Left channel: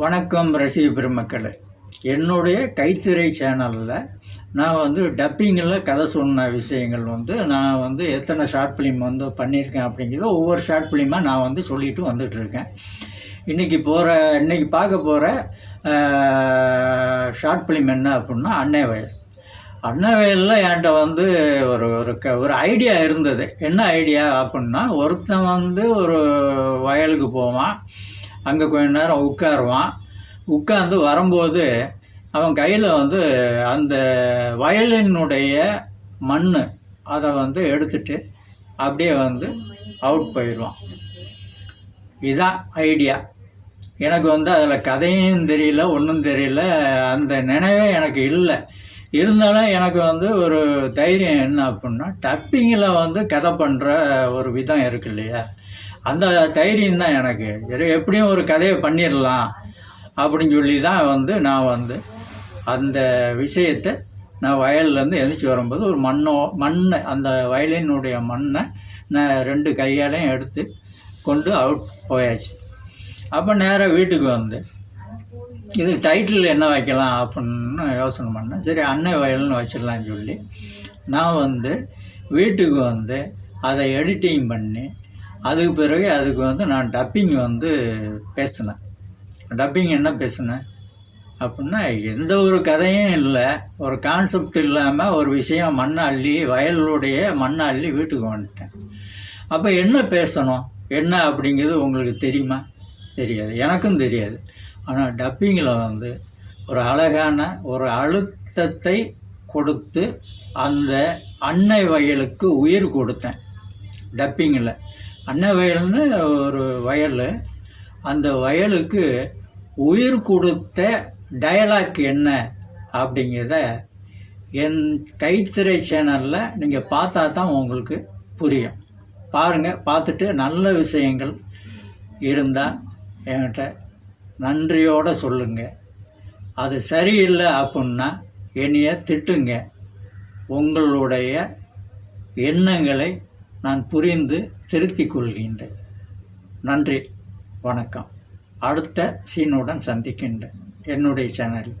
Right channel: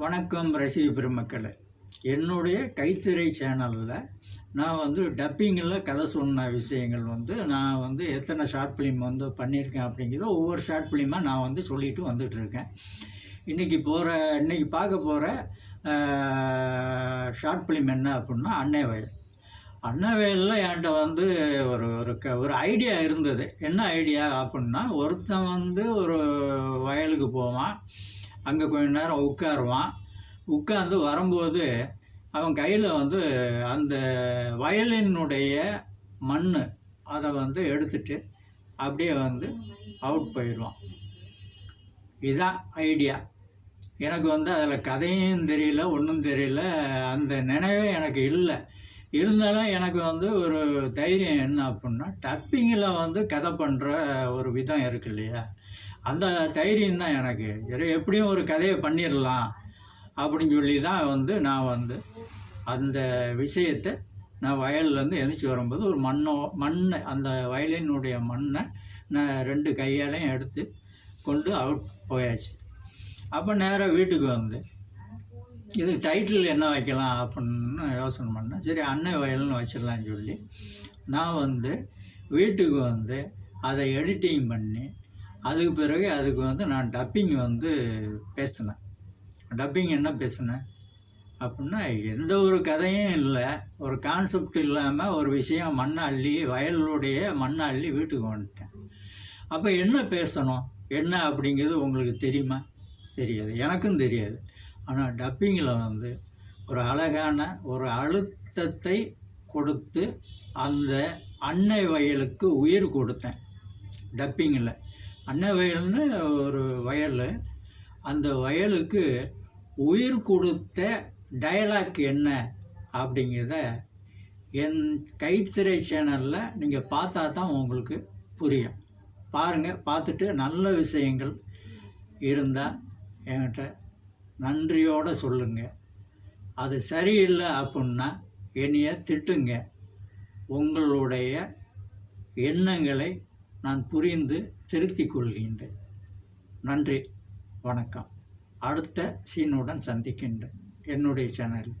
வணக்கம் ரசிக பெருமக்களே. என்னுடைய கைத்திரை சேனலில் நான் டப்பிங்கில் கதை சொன்ன விஷயங்கள் நான் எத்தனை ஷார்ட் ஃபிலிம் பண்ணியிருக்கேன் அப்படிங்கிறத ஒவ்வொரு ஷார்ட் ஃபிலிமாக நான் சொல்லிட்டு வந்துட்டுருக்கேன். இன்றைக்கி பார்க்க போகிற ஷார்ட் ஃபிலிம் என்ன அப்படின்னா அன்னை வயல். அன்னை வயலில் என்கிட்ட ஒரு ஐடியா இருந்தது. என்ன ஐடியா அப்படின்னா, ஒருத்தன் ஒரு வயலுக்கு போவான், அங்கே கொஞ்ச நேரம் உட்கார்ந்து வரும்போது அவன் கையில் அந்த வயலினுடைய மண் அதை எடுத்துட்டு அப்படியே அவுட் போயிடுவான். இதுதான் ஐடியா. எனக்கு அதில் கதையும் தெரியல, ஒன்றும் தெரியல, அந்த நினைவே எனக்கு இல்லை. இருந்தாலும் எனக்கு ஒரு தைரியம் என்ன அப்படின்னா, டப்பிங்கில் கதை பண்ணுற ஒரு விதம் இருக்கு இல்லையா, அந்த தைரியம் தான் எனக்கு. எப்படியும் ஒரு கதையை பண்ணிடலாம் அப்படின்னு சொல்லி தான் நான் அந்த விஷயத்தை நான் வயல்லேருந்து எந்திரிச்சு வரும்போது ஒரு மண் அந்த வயலினுடைய மண்ணை நான் 2 கையாலையும் எடுத்து கொண்டு அவுட் போயாச்சு. அப்போ நேராக வீட்டுக்கு இது டைட்டில் என்ன வைக்கலாம் அப்படின்னு யோசனை பண்ணேன். சரி, அன்னை வயல்னு வச்சிடலான்னு சொல்லி நான் வீட்டுக்கு அதை எடிட்டிங் பண்ணி அதுக்கு பிறகு அதுக்கு நான் டப்பிங் பேசினேன். டப்பிங் என்ன பேசினேன் அப்படின்னா, எந்த ஒரு கதையும் இல்லை, ஒரு கான்செப்ட் இல்லாமல் ஒரு விஷயம் வயலுடைய மண்ணை அள்ளி வீட்டுக்கு வந்துட்டேன். அப்போ என்ன பேசணும், என்ன அப்படிங்கிறது உங்களுக்கு தெரியுமா? தெரியாது, எனக்கும் தெரியாது. ஆனால் டப்பிங்கில் ஒரு அழகான ஒரு அழுத்தத்தை கொடுத்து அந்த அன்னை வயலுக்கு உயிர் கொடுத்தேன். டப்பிங்கில் அன்னை வயல்னு ஒரு வயல், அந்த வயலுக்கு உயிர் கொடுத்த டயலாக் என்ன அப்படிங்கிறத என் கைத்திரை சேனலில் நீங்கள் பார்த்தா தான் உங்களுக்கு புரியும். பாருங்கள், பார்த்துட்டு நல்ல விஷயங்கள் இருந்தால் என்கிட்ட நன்றியோடு சொல்லுங்கள். அது சரியில்லை அப்படின்னா என்னைய திட்டுங்க. உங்களுடைய எண்ணங்களை நான் புரிந்து திருத்திக் கொள்கின்றேன். நன்றி, வணக்கம். அடுத்த சீனுடன் சந்திக்கின்றேன் என்னுடைய சேனலில்.